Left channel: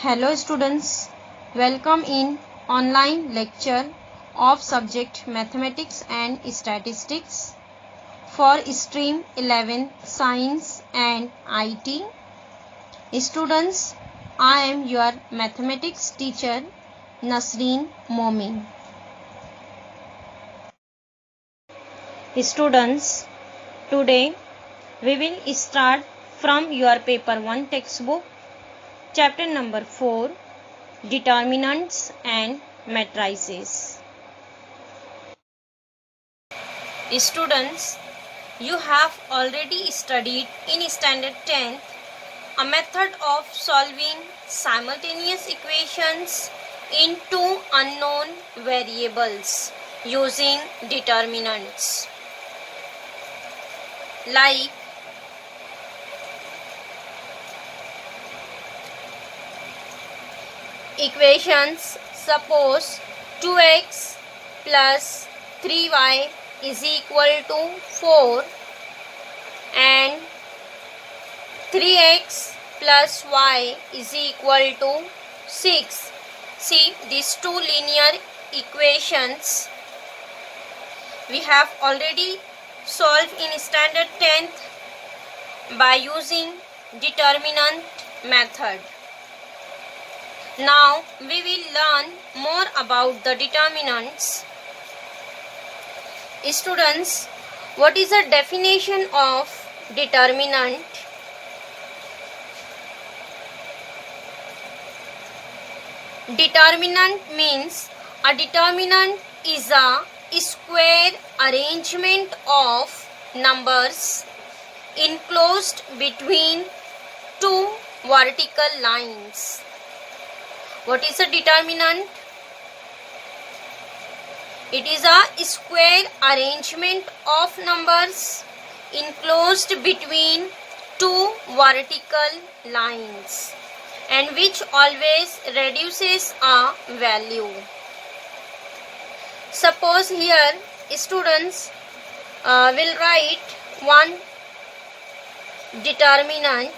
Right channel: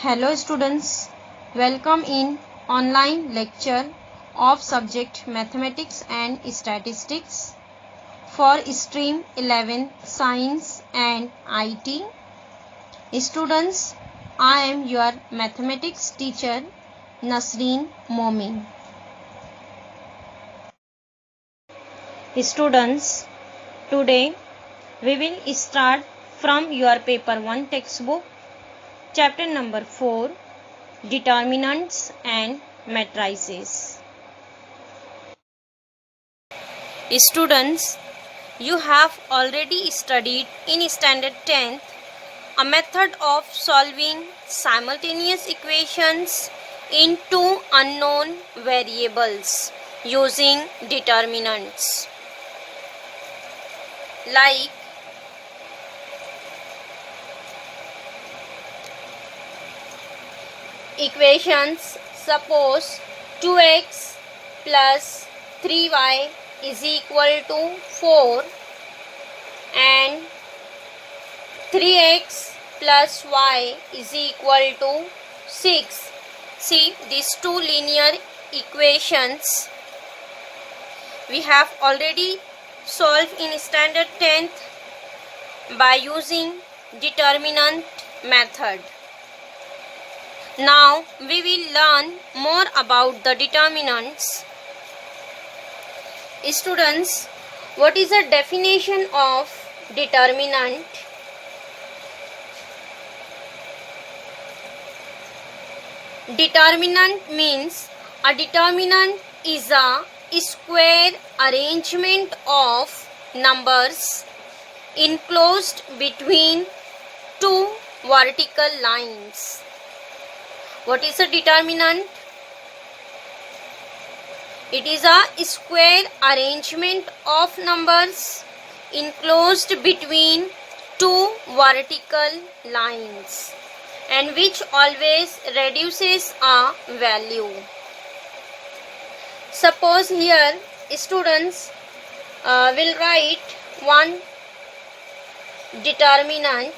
Hello students, welcome in online lecture of subject Mathematics and Statistics for stream 11 Science and IT. Students, I am your mathematics teacher Nasreen Momin. Students, today we will start from your paper 1 textbook. Chapter number 4, Determinants and Matrices. Students, you have already studied in standard 10th a method of solving simultaneous equations in two unknown variables using determinants. Like equations, suppose 2x plus 3y is equal to 4 and 3x plus y is equal to 6. See, these two linear equations we have already solved in standard 10th by using determinant method. Now we will learn more about the determinants. Students, what is the definition of determinant? Determinant means a determinant is a square arrangement of numbers enclosed between two vertical lines. What is a determinant? It is a square arrangement of numbers enclosed between two vertical lines and which always reduces a value. Suppose here students will write one determinant .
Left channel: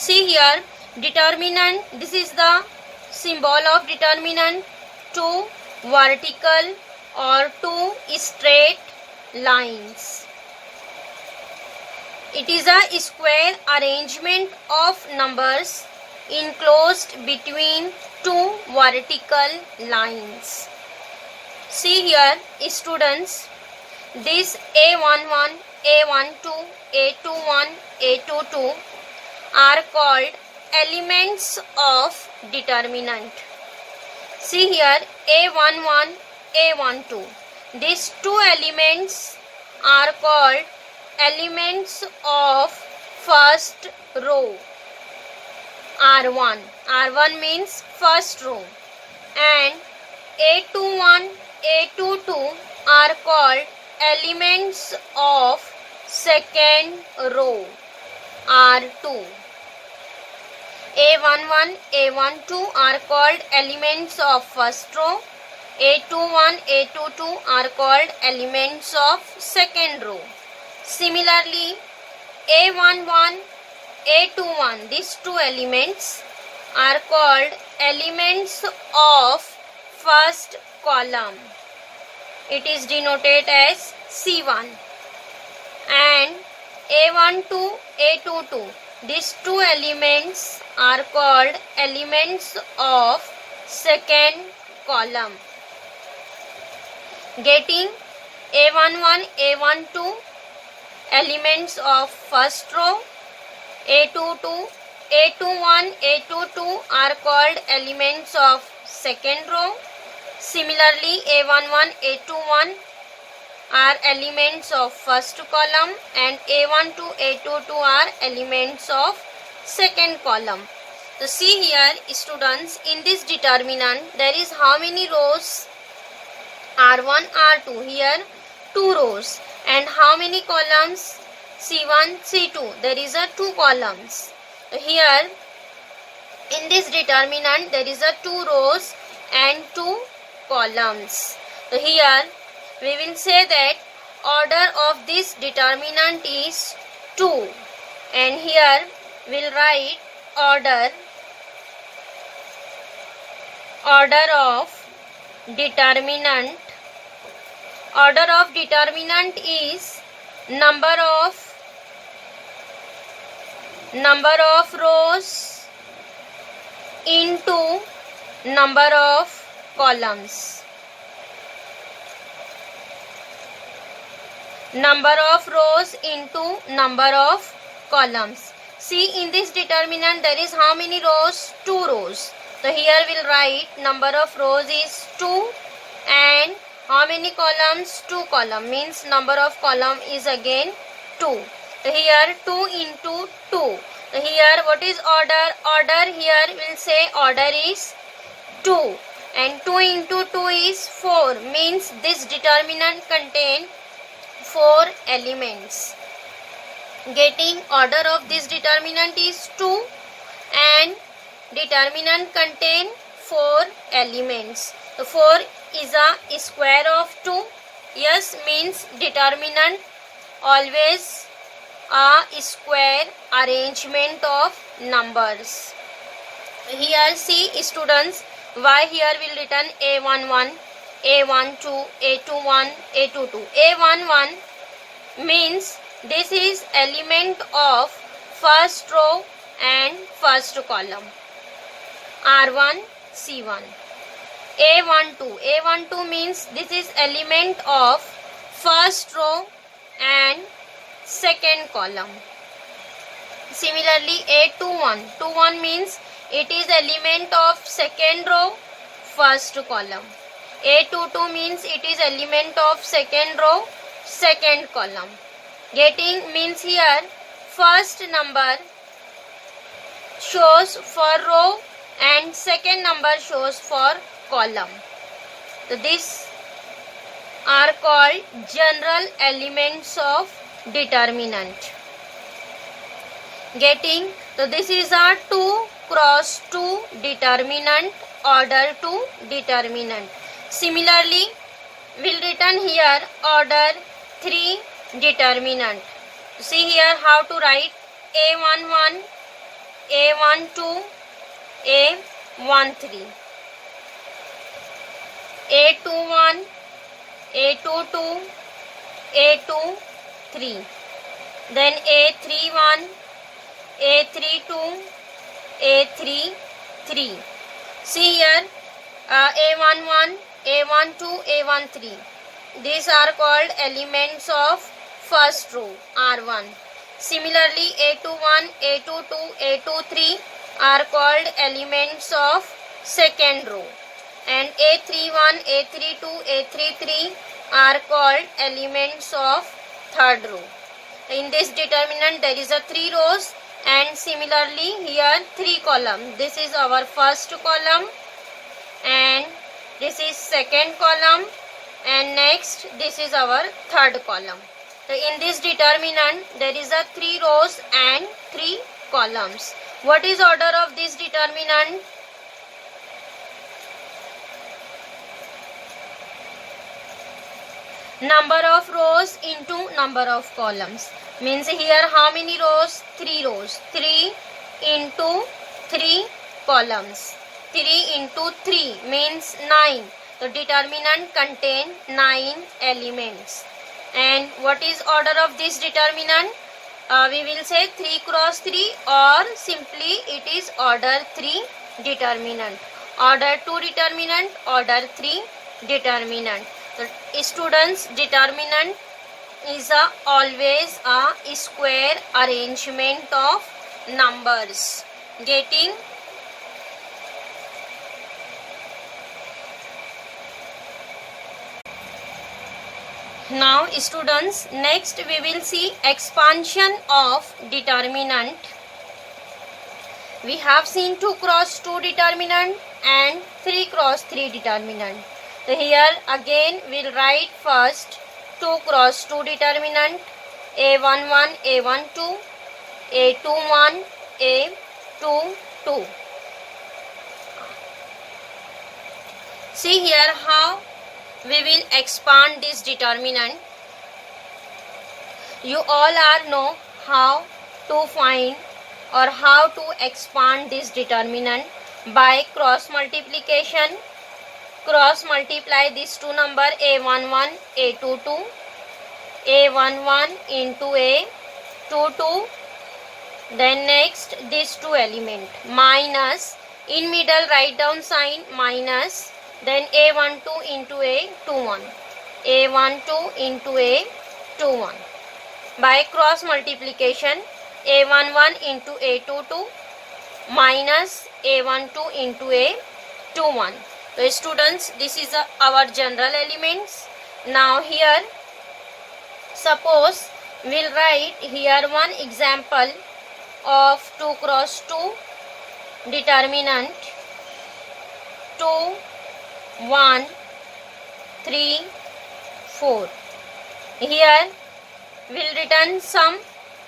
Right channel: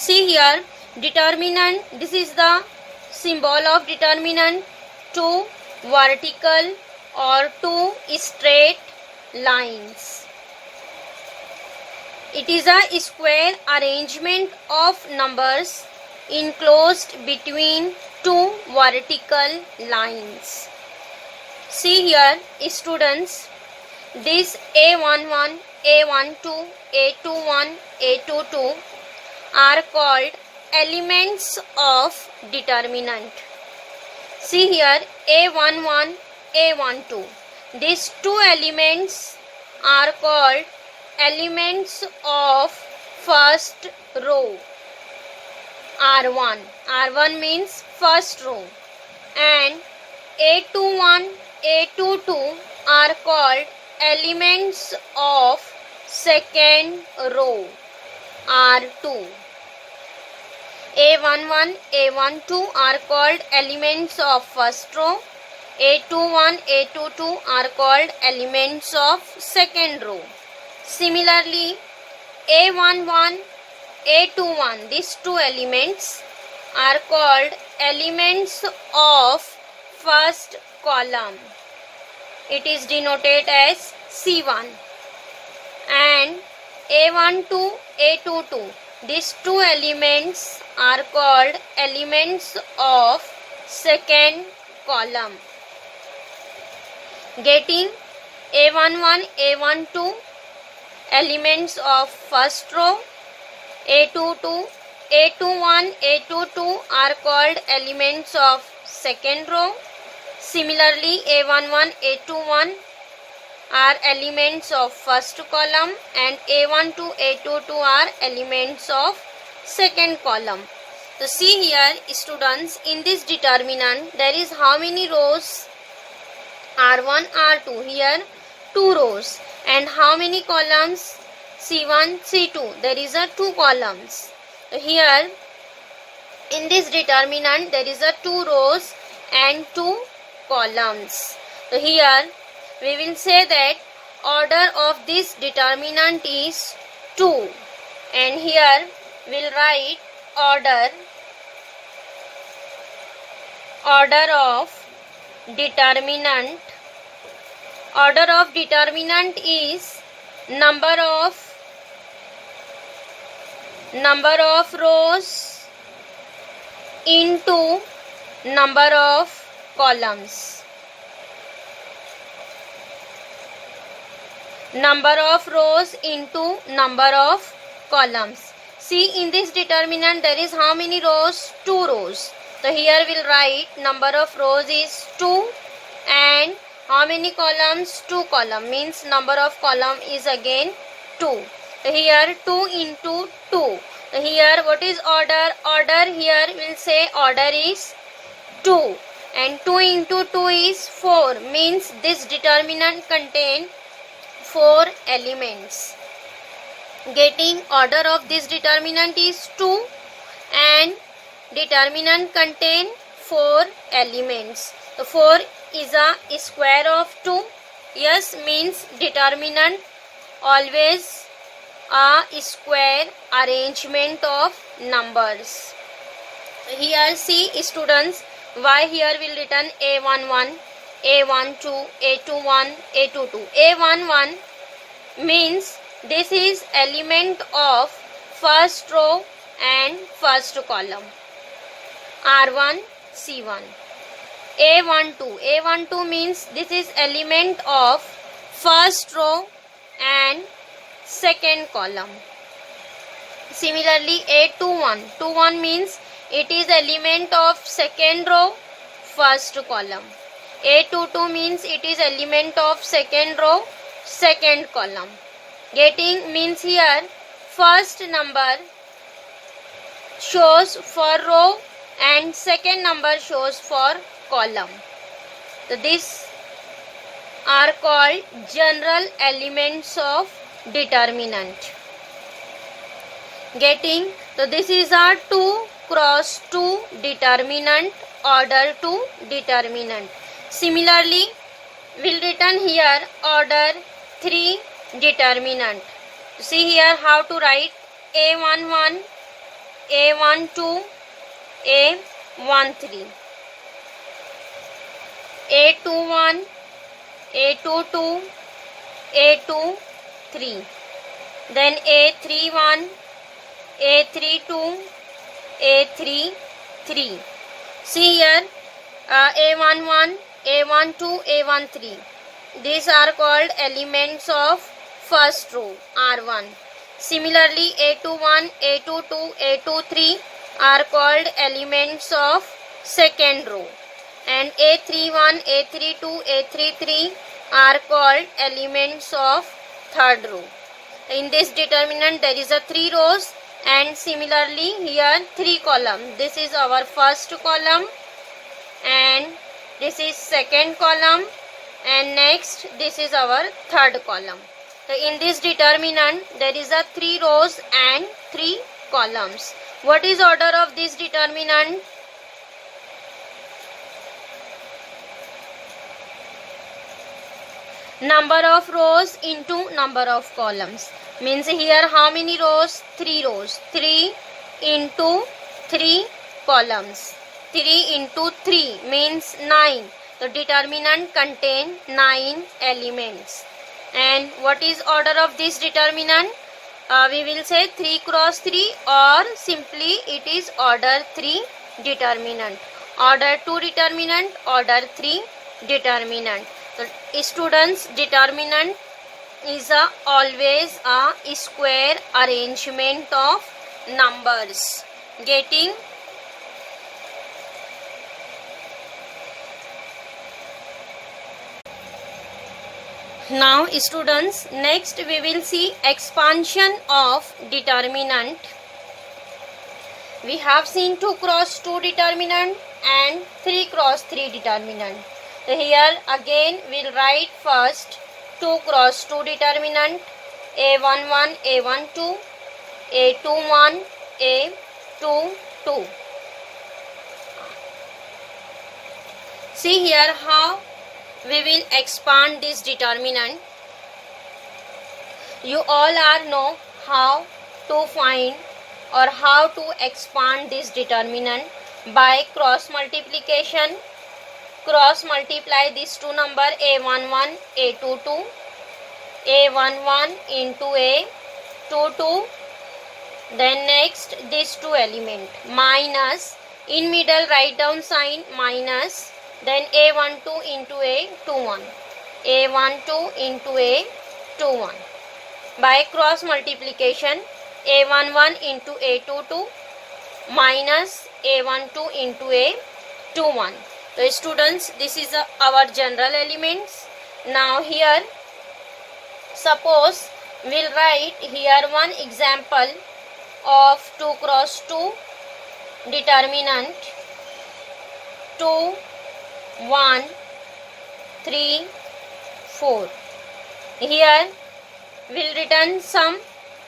See here, determinant, this is the symbol of determinant, two vertical or two straight lines. It is a square arrangement of numbers enclosed between two vertical lines. See here, students, this A11, A12, A21, A22 are called elements of determinant. See here, A11, A12. These two elements are called elements of first row. R1. R1 means first row. And A21, A22 are called elements of second row. R2. A11, A12 are called elements of first row. A21, A22 are called elements of second row. Similarly, A11, A21, these two elements are called elements of first column. It is denoted as C1. And A12, A22, these two elements are called elements of second column. Getting A11, A12, elements of first row. A22, A21, A22 are called elements of second row. Similarly, A11, A21 are elements of first column and A12, A22 are elements of second column. So see here students, in this determinant there is how many rows? R1, R2. Here 2 rows. And how many columns? C1, C2. There is a 2 columns. So here in this determinant there is a 2 rows and 2 columns. So here we will say that order of this determinant is 2, and here we'll write order of determinant. Order of determinant is number of rows into number of columns. Number of rows into number of columns. See, in this determinant there is how many rows? 2 rows. So here we'll write number of rows is 2 and how many columns? 2 column, means number of column is again 2. So here 2 into 2. So here what is order? Order here we'll say order is 2 and 2 into 2 is 4, means this determinant contain 4 elements. Getting order of this determinant is 2 and determinant contain 4 elements. So 4 is a square of 2. Yes, means determinant always a square arrangement of numbers. Here see students, why here will written A11, A12, A21, A22. A11 means this is element of first row and first column. R1, C1. A12 means this is element of first row and second column. Similarly, A21 means it is element of second row, first column. A22 means it is element of second row, second column. Getting means here first number shows for row and second number shows for column. So these are called general elements of determinant. Getting, so this is a 2 cross 2 determinant, order 2 determinant. Similarly, we'll written here order 3 determinant. See here how to write A11, A12, A13, A21, A22, A23, then A31, A32, A33. See here A11, A12, A13. These are called elements of first row, R1. Similarly, A21, A22, A23 are called elements of second row. And A31, A32, A33 are called elements of third row. In this determinant there is a 3 rows and similarly here 3 column. This is our first column and this is second column and next this is our third column. So in this determinant there is a 3 rows and 3 columns. What is order of this determinant? Number of rows into number of columns. Means here how many rows? 3 rows. 3 into 3 columns. 3 into 3 means 9. The determinant contain 9 elements. And what is order of this determinant? We will say 3 cross 3 or simply it is order 3 determinant. Order 2 determinant, order 3 determinant. So, students, determinant is always a square arrangement of numbers. Getting? Now students, next we will see expansion of determinant. We have seen 2 cross 2 determinant and 3 cross 3 determinant. So here again we'll write first 2 cross 2 determinant, A11, A12, A21, A22. See here how we will expand this determinant. You all are know how to find or how to expand this determinant by cross multiplication. Cross multiply these two number a11 a22, a11 into a22. Then next these two element minus, in middle write down sign minus, then a12 into a21, a12 into a21. By cross multiplication a11 into a22 minus a12 into a21. So students, this is our general elements. Now here suppose we'll write here one example of 2 cross 2 determinant 2, 1, 3, 4. Here we'll return some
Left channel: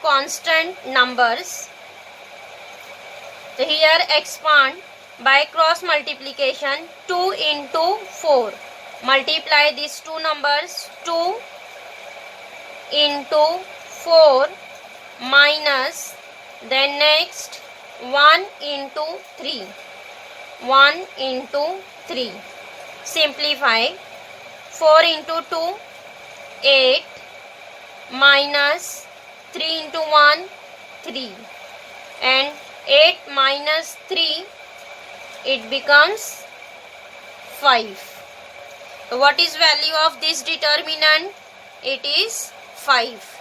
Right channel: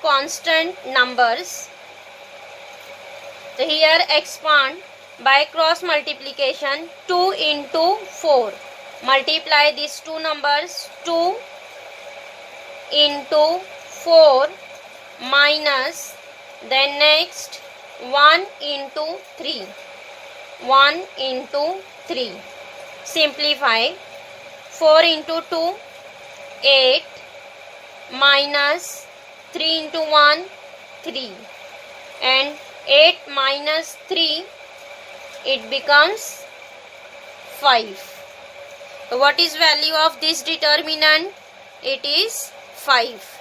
constant numbers. So here expand by cross multiplication 2 into 4. Multiply these two numbers 2 into 4 minus, then next 1 into 3. 1 into 3. Simplify 4 into 2 8 minus 3 into 1 3, and 8 minus 3 it becomes 5. So what is value of this determinant? It is 5.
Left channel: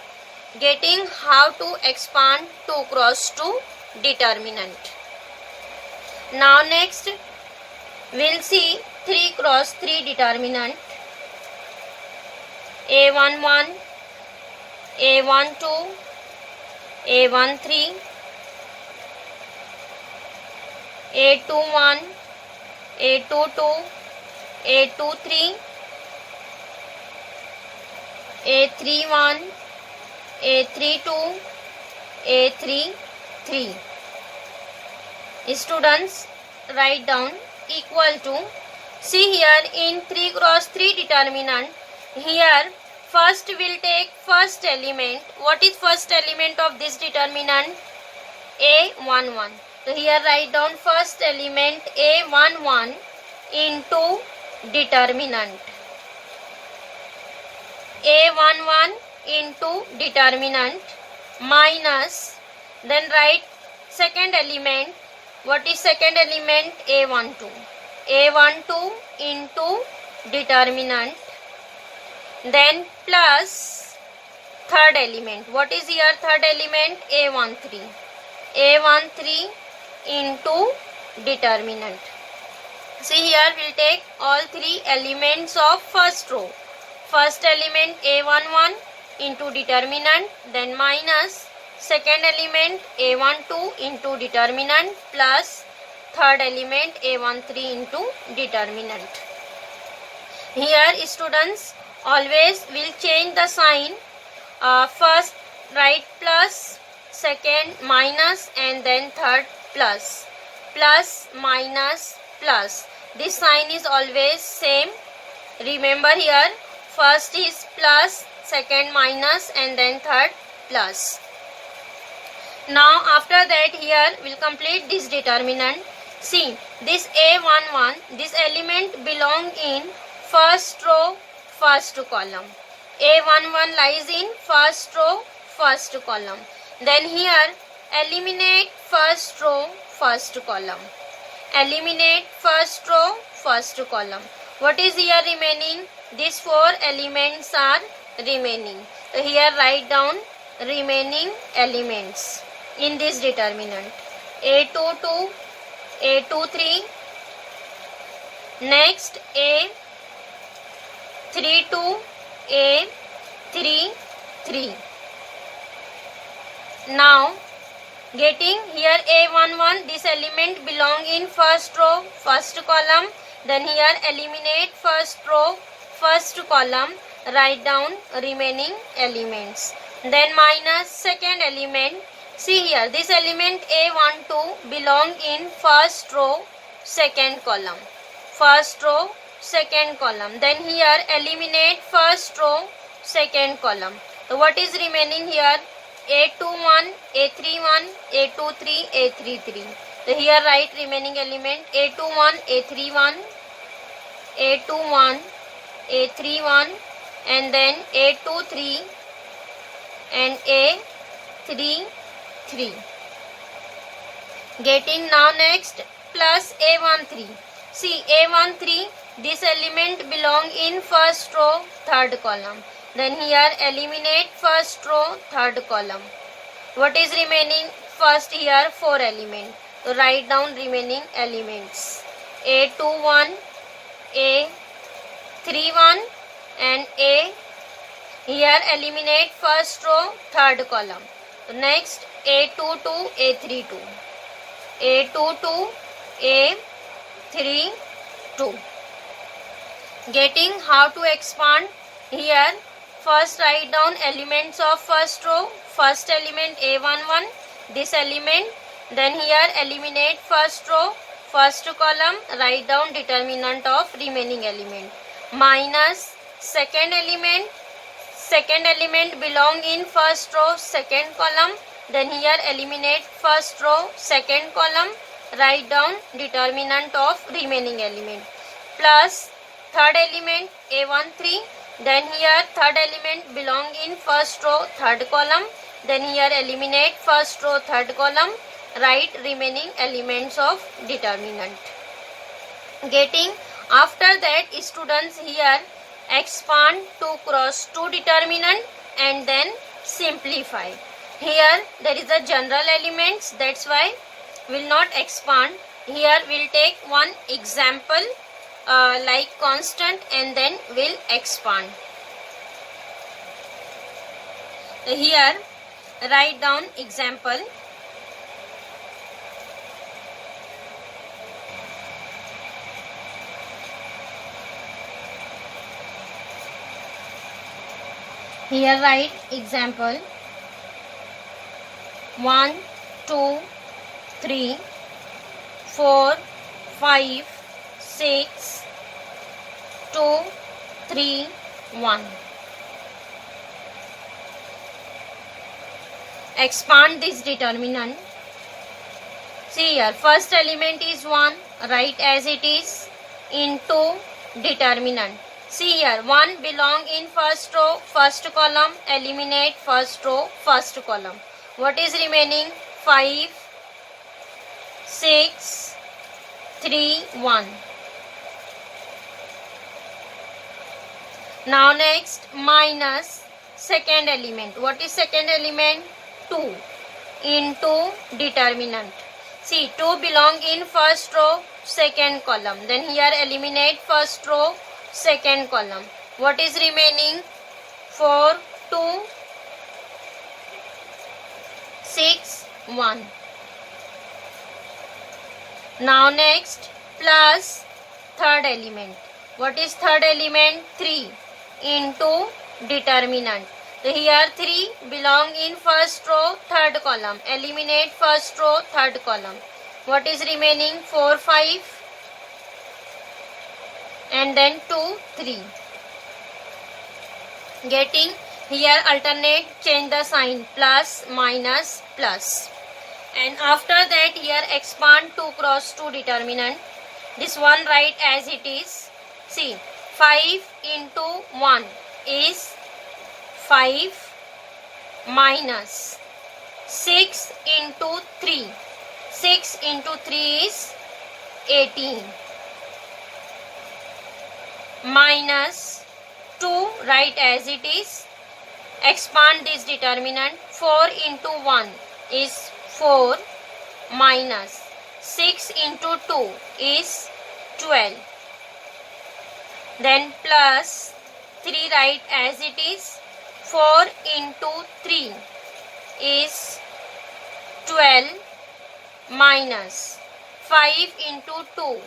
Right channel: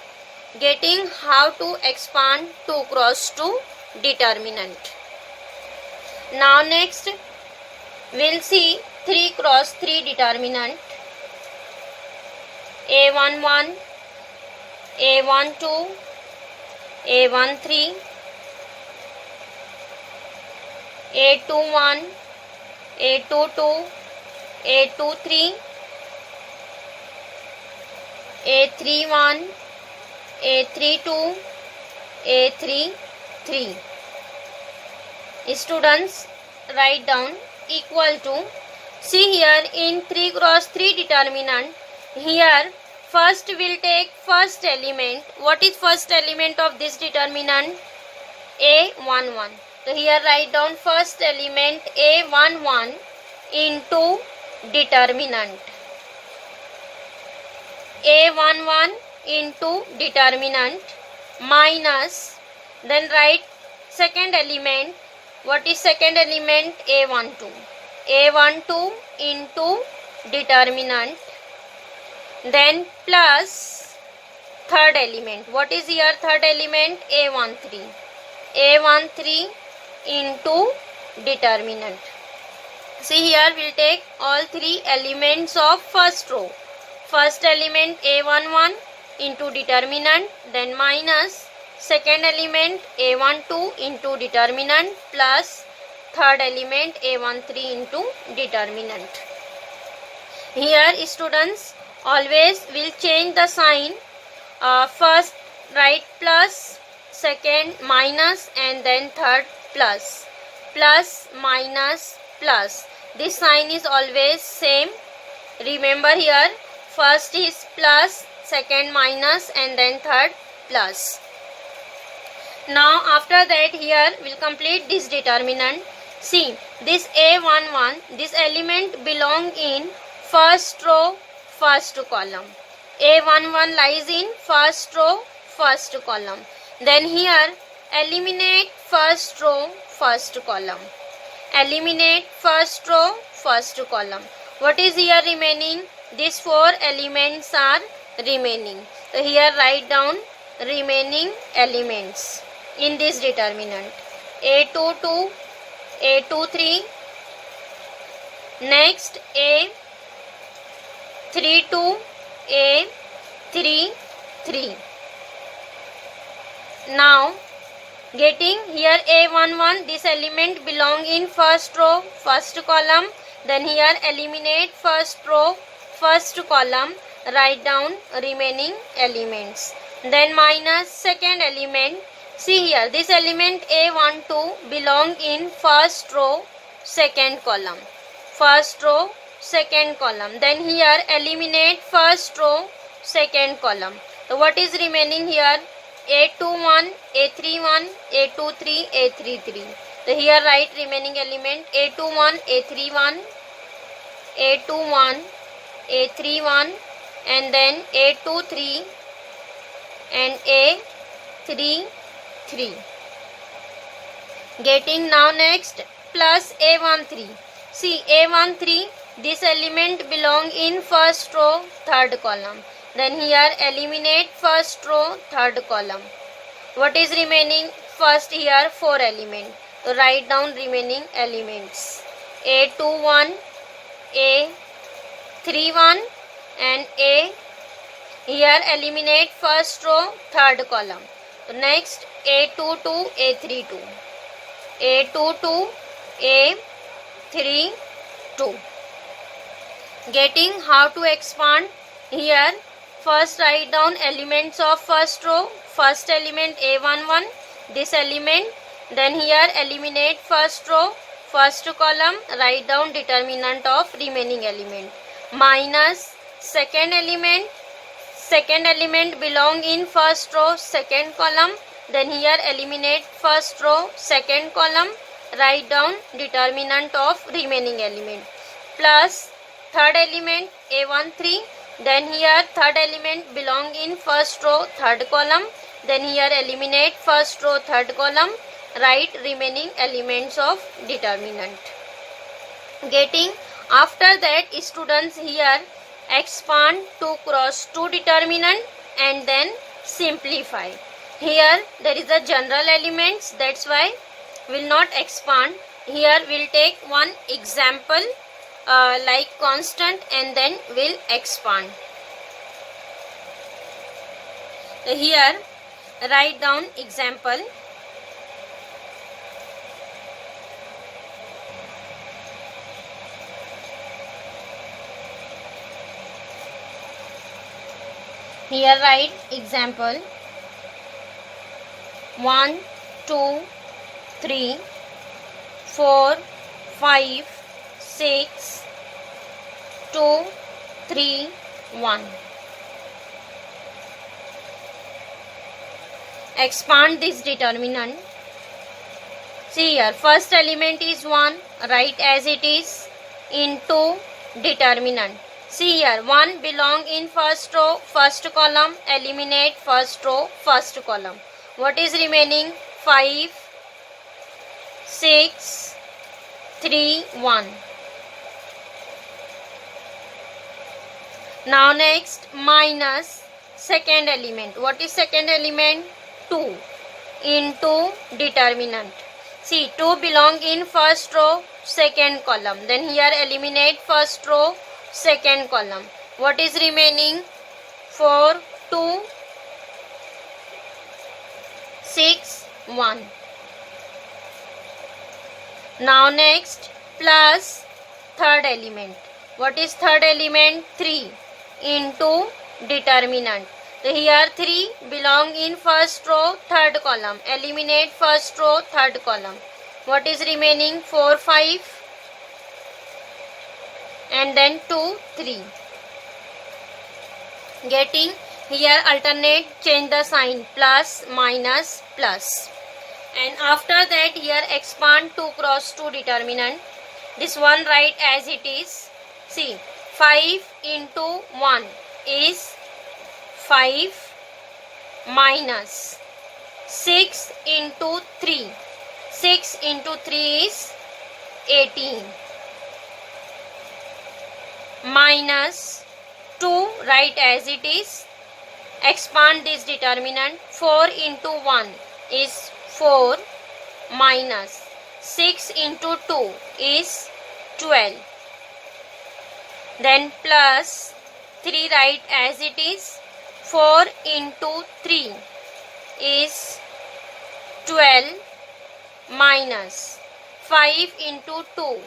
Getting how to expand 2 cross 2 determinant. Now next we'll see 3 cross 3 determinant. a11, a12, a13, a21, a22, a23, a31, a32, a33. Students, write down equal to. See here in 3 cross 3 determinant, here first we'll take first element. What is first element of this determinant? a11. So here write down first element a11 into determinant. a11 into determinant minus, then write second element. What is second element? a12. a12 into determinant, then plus third element. What is here third element? a13. a13 into determinant. See here we'll take all three elements of first row. First element a11 into determinant, then minus second element a12 into determinant plus third element a13 into determinant. Here students, always will change the sign. First write plus, second minus, and then third plus. Plus, minus, plus. This sign is always same. Remember here first is plus, second minus, and then third plus. Now after that here we'll complete this determinant. See this a11, this element belong in first row, first column. a11 lies in first row, first column. Then here eliminate first row, first column. Eliminate first row, first column. What is here remaining? These four elements are remaining. So here write down remaining elements in this determinant. a22, a23, next a32, a33. Now getting here a11, this element belong in first row, first column. Then here eliminate first row, first column, write down remaining elements. Then minus second element. See here this element a12 belong in first row, second column. First row, second column. Then here eliminate first row, second column. So what is remaining here? A21, A31, A23, A33. So here write remaining element A21, A31, A21, A31, and then A23 and A33. Getting now next plus A13. See A13, this element belong in first row, third column. Then here eliminate first row, third column. What is remaining? First here 4 element. So write down remaining elements. A21, A31 and A. Here eliminate first row, third column. Next A22, A32. A22, A32. Getting how to expand? Here first write down elements of first row. First element A11, this element. Then here eliminate first row, first column, write down determinant of remaining element. Minus second element belong in first row, second column. Then here eliminate first row, second column, write down determinant of remaining element. Plus third element A13, then here third element belong in first row, third column. Then here eliminate first row, third column, write remaining elements of determinant. Getting after that, students here expand 2 cross 2 determinant and then simplify. Here there is a general elements, that's why will not expand. Here we'll take one example like constant and then we'll expand. Here write down example. Here write example 1, 2, 3, 4, 5, 6, 2, 3, 1. Expand this determinant. See here, first element is 1, write as it is, into determinant. See here, 1 belong in first row, first column, eliminate first row, first column. What is remaining? 5, 6, 3, 1. Now next, minus second element. What is second element? 2 into determinant. See, 2 belong in first row, second column. Then here eliminate first row, second column. What is remaining? 4, 2, 6, 1. Now next, plus third element. What is third element? 3 into determinant. So here 3 belong in first row, third column. Eliminate first row, third column. What is remaining? 4, 5 and then 2, 3. Getting here alternate, change the sign, plus, minus, plus. And after that here expand 2 cross 2 determinant. This one write as it is. See, 5 into 1 is 5 minus 6 into 3. 6 into 3 is 18. Minus 2 write as it is. Expand this determinant. 4 into 1 is 4 minus 6 into 2 is 12. Then plus 3 write as it is. 4 into 3 is 12 minus 5 into 2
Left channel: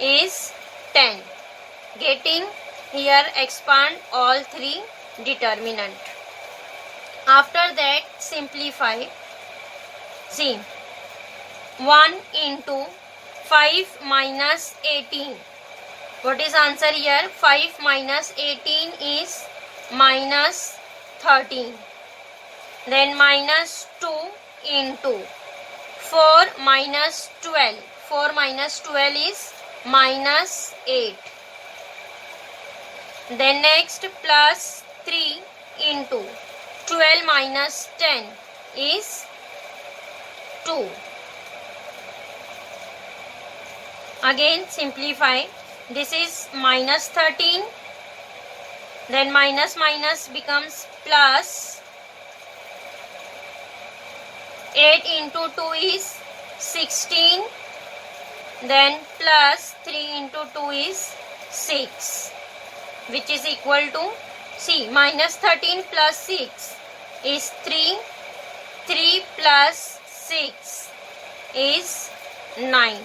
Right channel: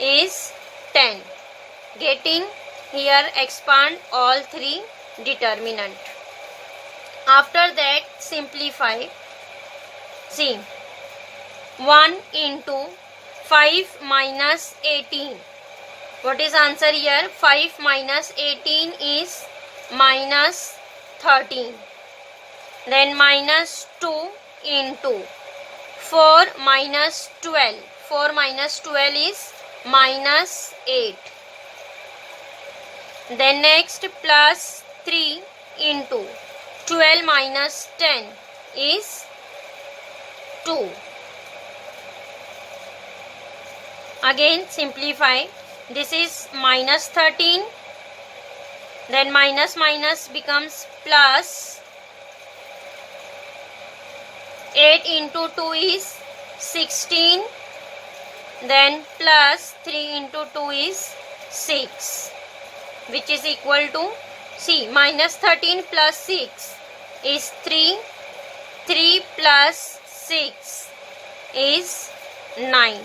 is 10. Getting here expand all 3 determinant. After that simplify. See, 1 into 5 minus 18 What is answer here? 5 minus 18 is minus 13. Then minus 2 into 4 minus 12. 4 minus 12 is minus 8. Then next plus 3 into 12 minus 10 is 2. Again simplify. This is minus 13. Then minus minus becomes plus. 8 into 2 is 16. Then plus 3 into 2 is 6. Which is equal to, see, minus 13 plus 6 is 3. 3 plus 6 is 9.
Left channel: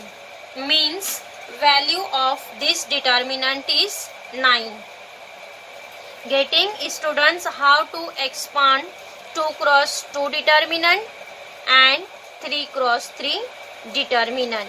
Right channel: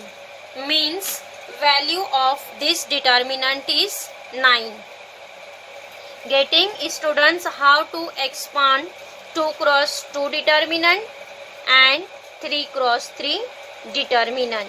Means value of this determinant is 9. Getting students how to expand 2 cross 2 determinant and 3 cross 3 determinant.